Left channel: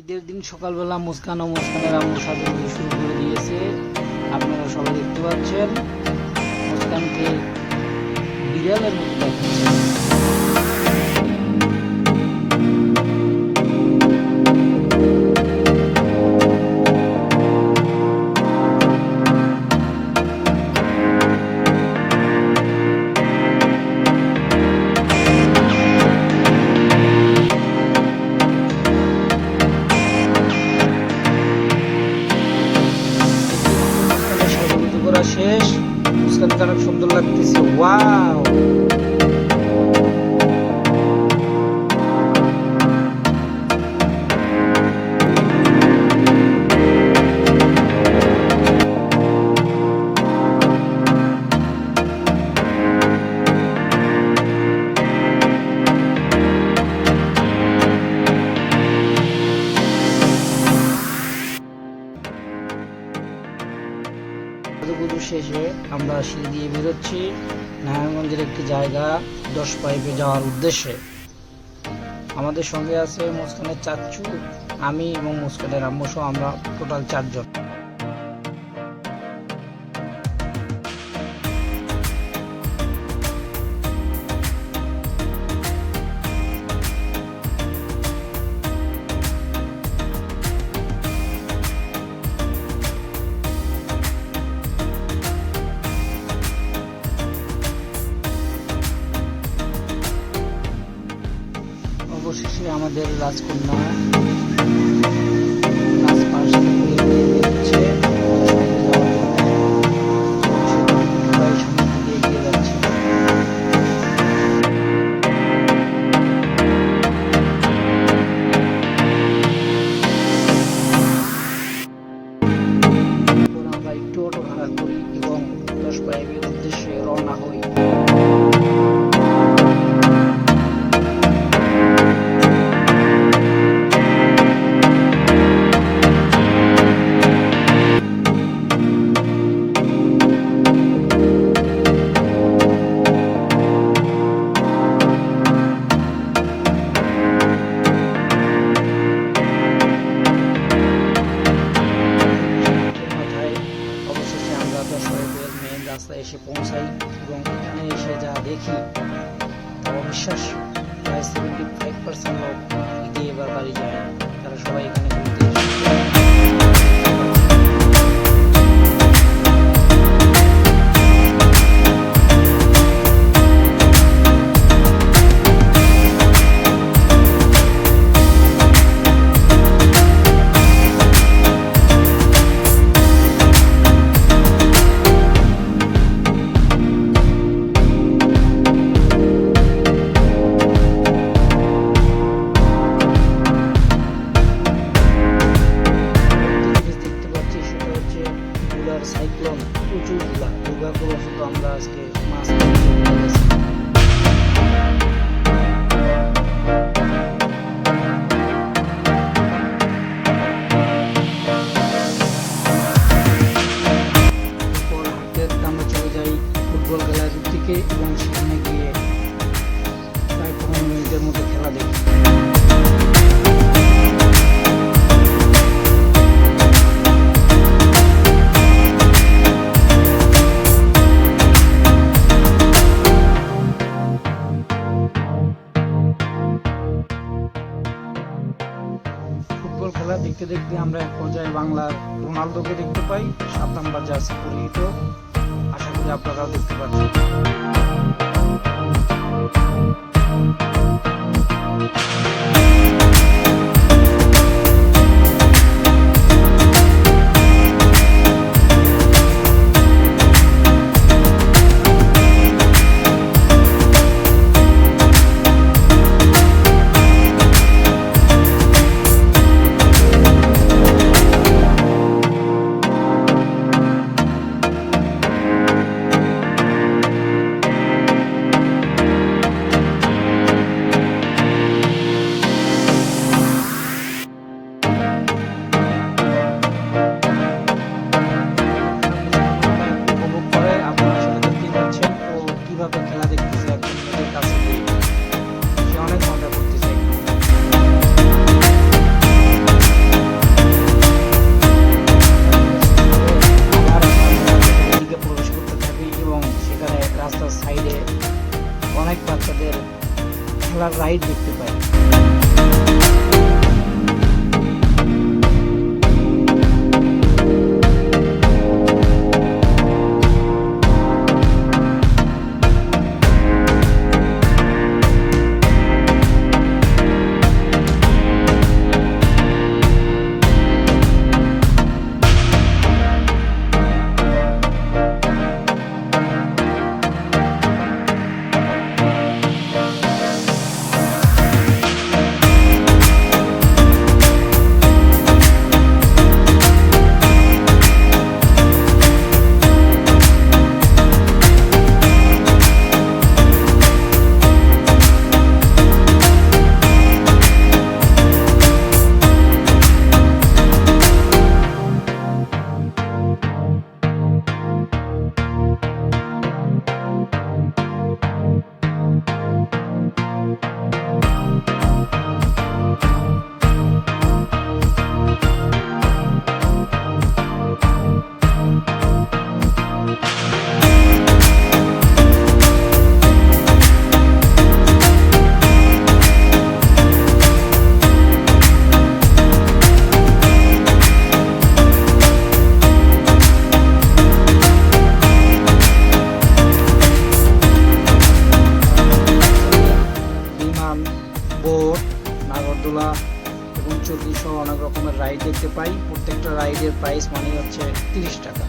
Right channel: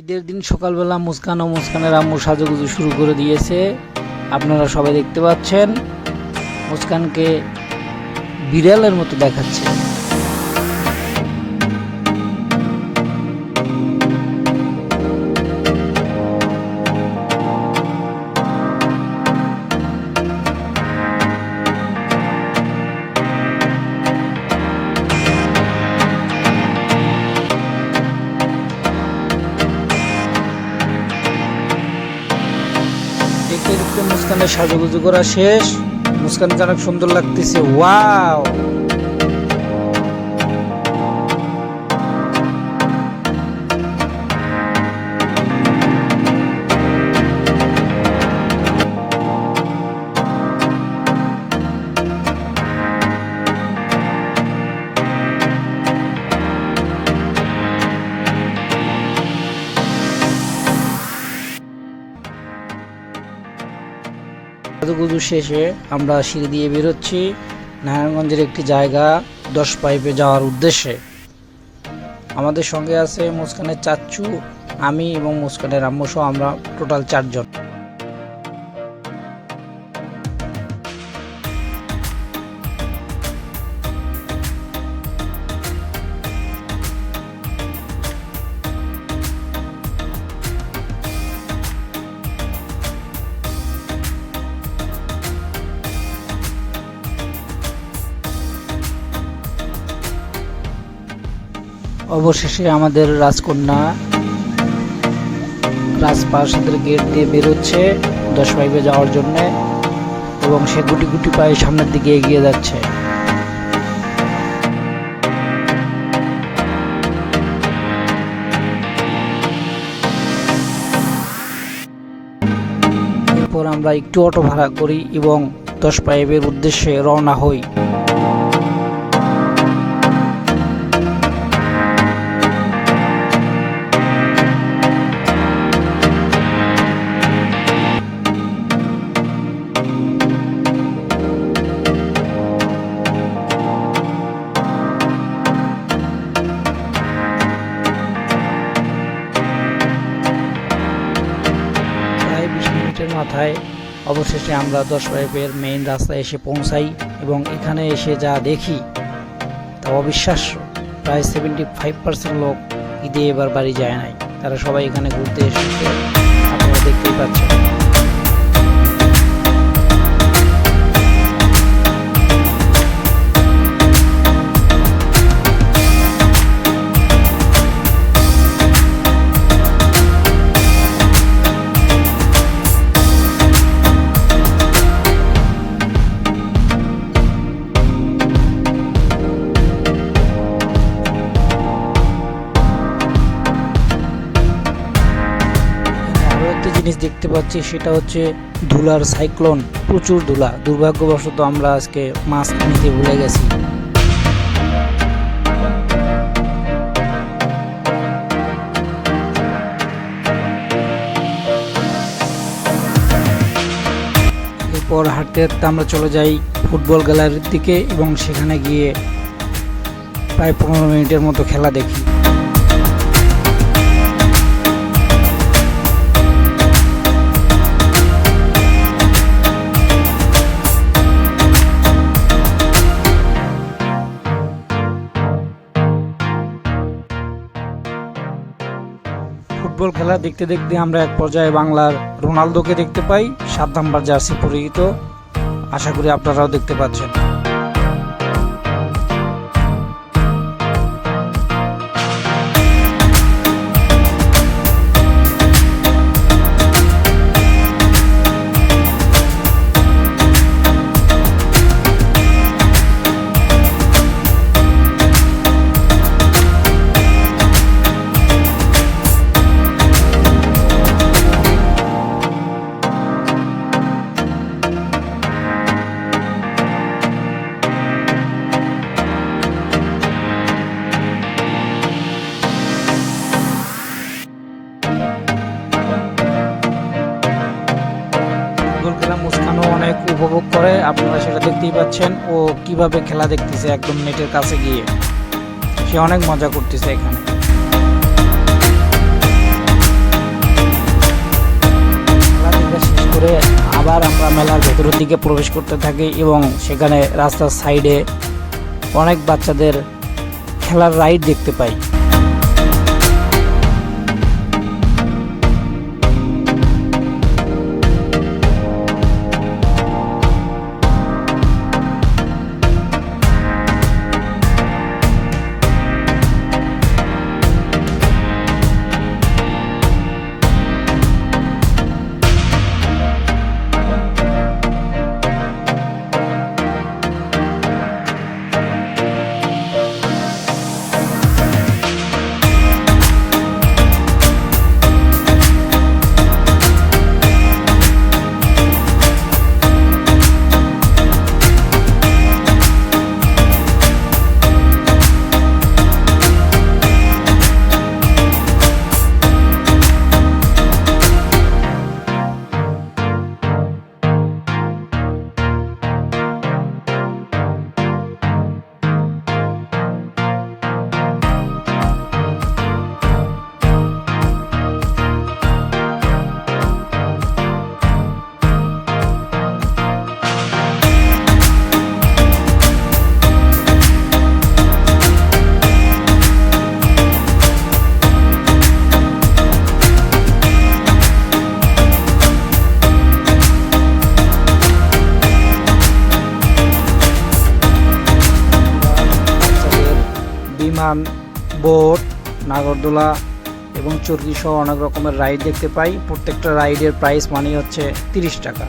ঈদের দিন সকালবেলা মুস্কান ও মুস্কানের আম্মু সাজুগুজু শুরু করে দিয়েছে। আপনারা সবাই দেখতে পাচ্ছেন মুস্কানকে বিড়ালের মতো দেখাচ্ছে। মুস্কানের সাজুগুজু করা শেষ। মুস্কানকে অনেক সুন্দর লাগতেছে। ওয়াও, সাজুগুজু শেষে আমরা সিঁড়ি দিয়ে বেরোচ্ছি নারায়ণগঞ্জের একটি জায়গা 10 পাইপে যাওয়ার উদ্দেশ্যে। আমাদের সঙ্গে আছে মুস্কানের চাচ্চু, আমি এবং মুস্কানের আম্মু সহ আমরা টোটাল 4 জন। অবশেষে আমাদের রাজকন্যা রাজপ্রাসাদের গেট দিয়ে বেরোচ্ছে 10 পাইপে যাওয়ার জন্য এবং সে গুটি গুটি পায়ে সামনের দিকে এগিয়ে যাচ্ছে। এরপর আমরা একটু অটো ভাড়া করি এবং 10 পাইপের উদ্দেশ্যে রওনা হই। অবশেষে আমরা 10 পাইপের মেইন রাস্তায় এসে পৌঁছাই এবং এখানে এসে যা দেখি তা অবিশ্বাস্য। প্রায় 75% লোক ঈদে এবার বাড়ি যায় নাই, তারা সবাই এখানে ঘুরতে এসেছে। আপনারা দেখতেই পাচ্ছেন। দেখতে পাচ্ছি সেটা হচ্ছে ধুলার সাইক্লোন, প্রচুর ধুলা। দুর্ভাগ্যবশত আমরা আজকে মাছ নিতে ভুলে গেছি। এরপর হাঁটতে হাঁটতে আমরা চলে যাই ফুটবল গ্যালারির দিকে এবং সেখানে গিয়ে প্রায় 15 মিনিটের মতো খেলা দেখি। ফুটবল খেলা দেখতে দেখতে আমরা এক পর্যায়ে বাংলার রোনালদোকে দেখতে পাই, 7 নাম্বার জার্সি পরিহিত। আশা করি আপনারাও দেখতে পাচ্ছেন। উপভোগ করে, আপনারা সেটা দেখতেই পাচ্ছেন। ও কিভাবে খেলা দেখতেছে একদম নেটের কাছে গিয়ে, সে অনেক মজা করতেছে এখানে। করতে থাকে এবং সেখানে রাস্তার সাইডে অনেক বাচ্চাদের খেলার রাইড দেখতে পাই। বোট, নাগরদোলা এবং চরকি সহ অনেক রকমের রাইড দেখতে পাই। প্রত্যেকটা রাইডের প্রাইস মানি হচ্ছে 30 টাকা।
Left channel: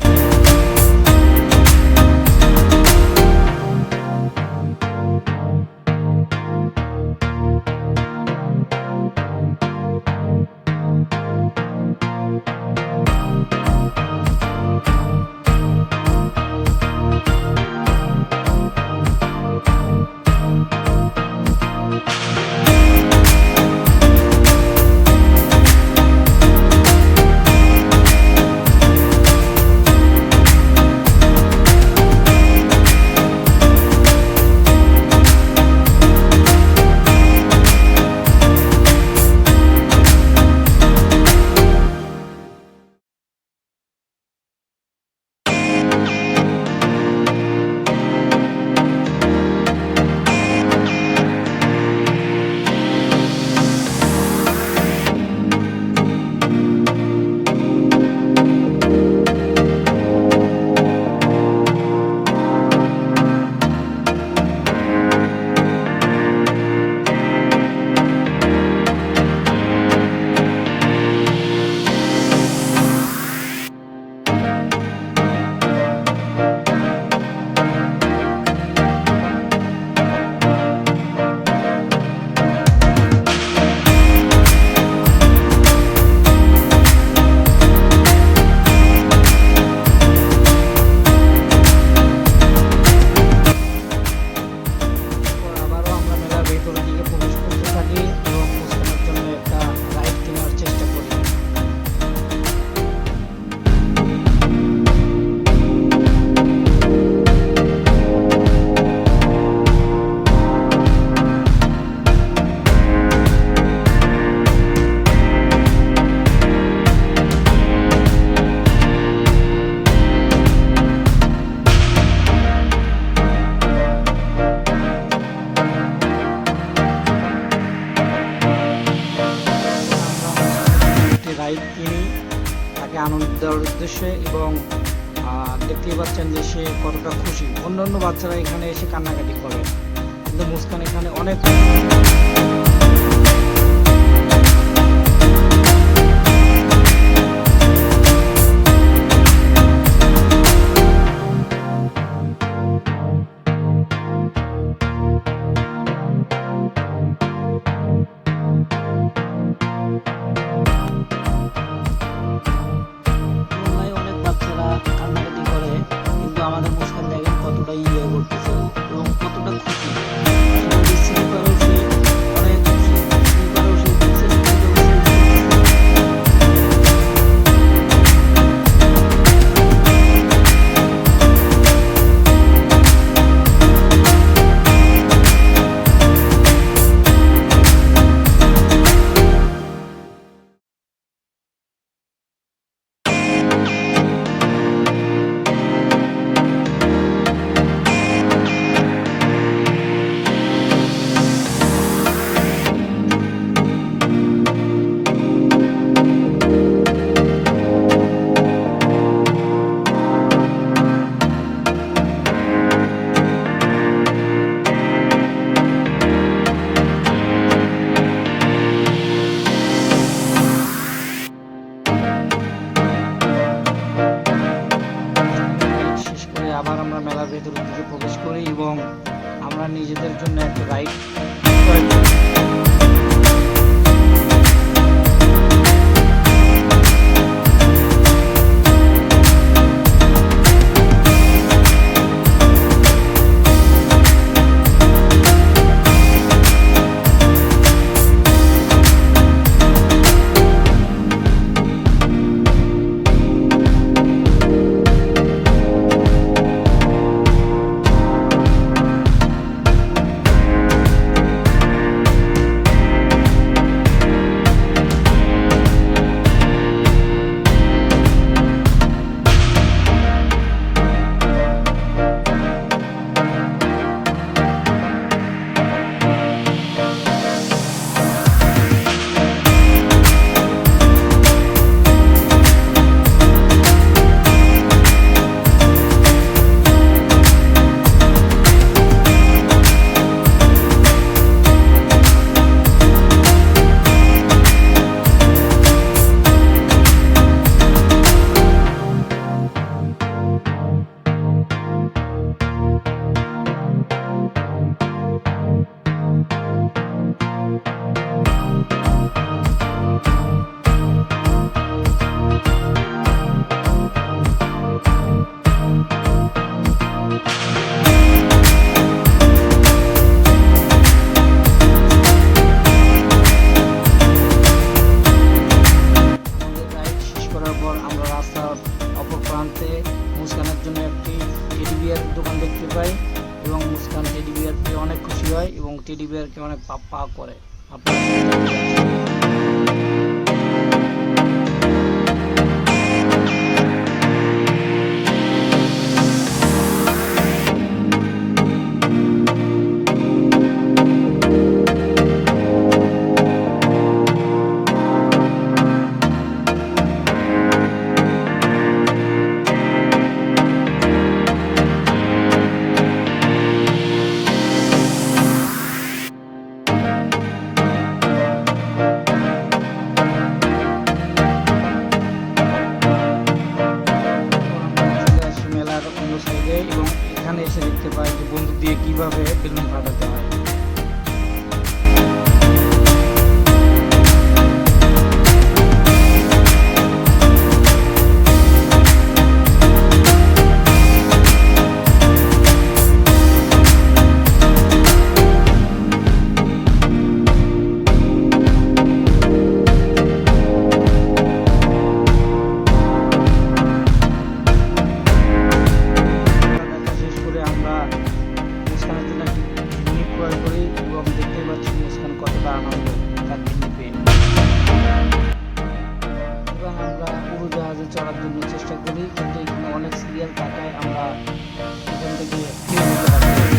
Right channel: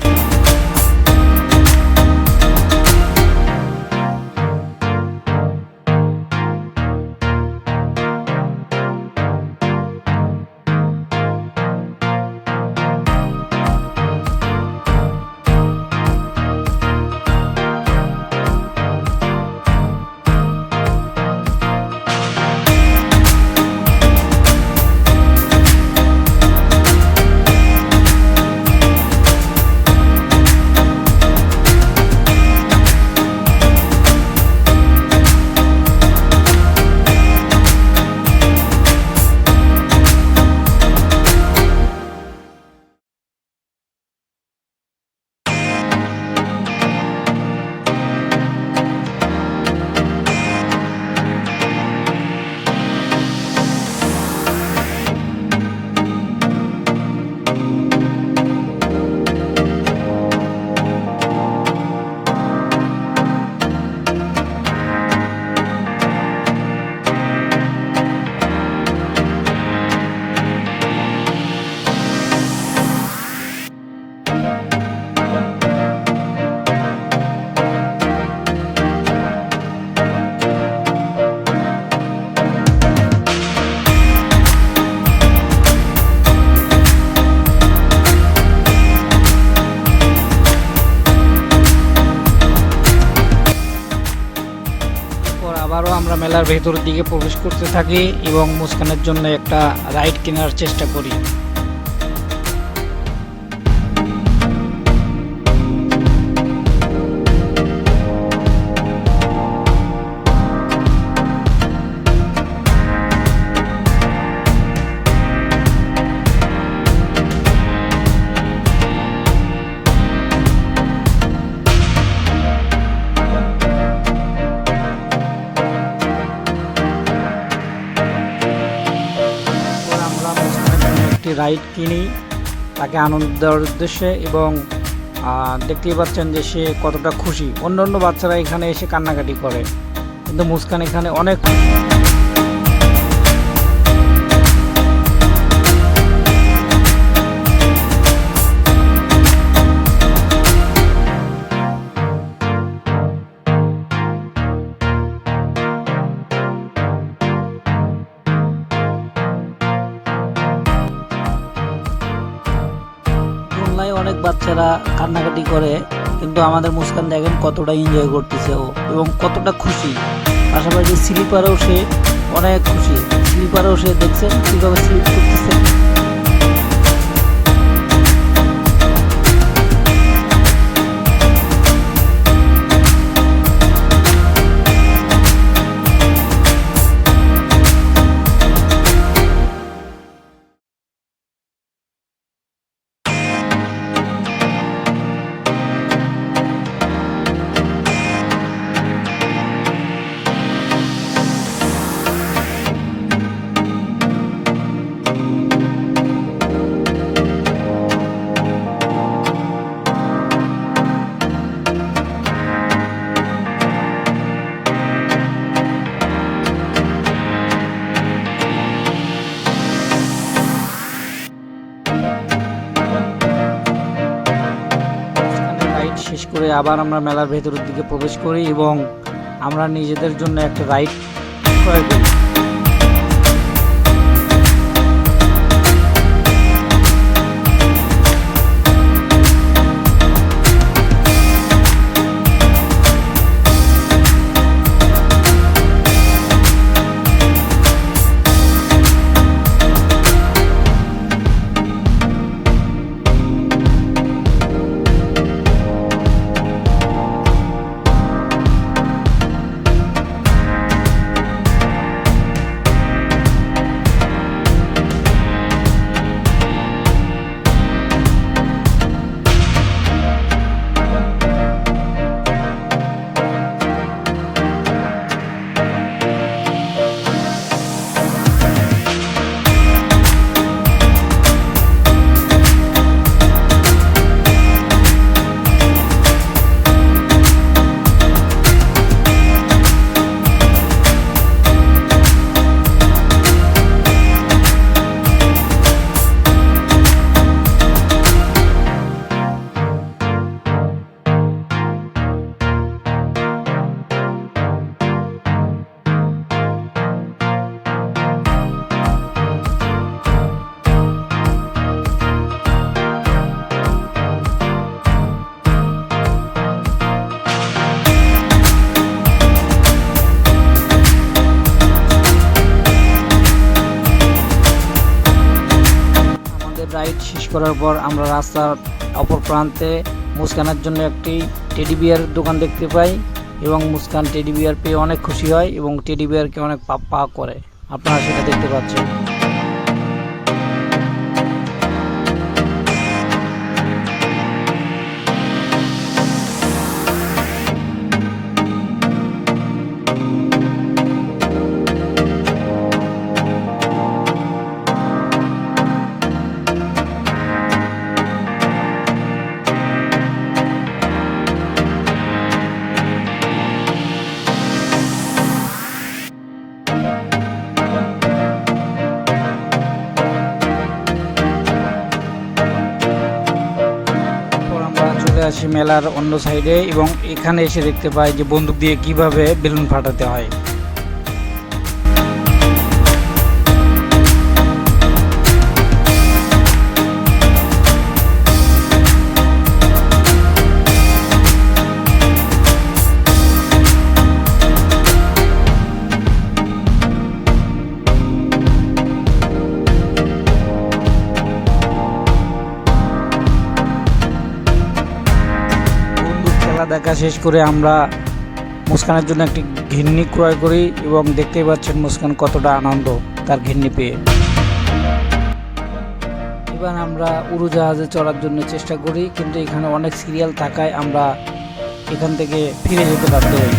মেলার ভেতরের দিকে প্রবেশ করতে থাকি এবং মুস্কানের জন্য একটা রাইড কেনার চেষ্টা করি। রাইড কিনি তাকে আনন্দ দেওয়ার উদ্দেশ্যে এবং দেখতেই পাচ্ছেন যে সে কতটা খুশি। অন্যান্য বাচ্চারা এখানে এসে কান্নাকাটি করে, কিন্তু মুস্কান এখানে অনেক বাচ্চারা কান্নাকাটি করে, কিন্তু আমাদের মুস্কান দেখেন কতটা এনজয় করতেছে ও এবং কতটা খুশি। পাশাপাশি স্লিপারেও সে অনেক খুশি। স্লিপারেও সে দেখছেন কীভাবে স্লিপ করতেছে। করে আবার আমরা মেলার ভেতরের দিকে প্রবেশ করি এবং আমরা নিজেদের জন্য একটা রাইড ক্রয় করি। করার পর আমরা রাস্তার অপর প্রান্তে মুস্কানের জন্য একটি টেডি বিয়ার দোকান দেখতে পাই এবং মুস্কান টেডি বিয়ার পেয়ে অনেক খুশি হয় এবং টেডি বিয়ারকে অনেক পা করে, আপনারা সেটা দেখতে পাচ্ছেন। আসি মেলার অন্য সাইডে এবং এখানে এসে দেখতে পাই যে বন্দুক দিয়ে কিভাবে বেলুন ফাটাতে হয়। দেখা শেষ করে আমরা মুস্কানের জন্য একটি ঘিন্নি ক্রয় করি এবং দেখতেই পাচ্ছেন মুস্কান কতটা আনন্দ তার ঘিন্নি পেয়ে। এবার আমরা উড়োজাহাজে চড়ার জন্য চেষ্টা করি, কিন্তু এখানে অনেক সিরিয়াল থাকায় আমরা এখান থেকে ফিরে যেতে বাধ্য হই।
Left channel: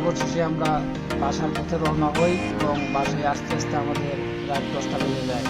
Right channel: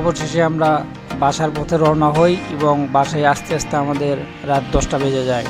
অবশেষে আমরা বাসার পথে রওনা হই এবং বাসায় আসতে আসতে আমাদের রাত 10টা বেজে যায়।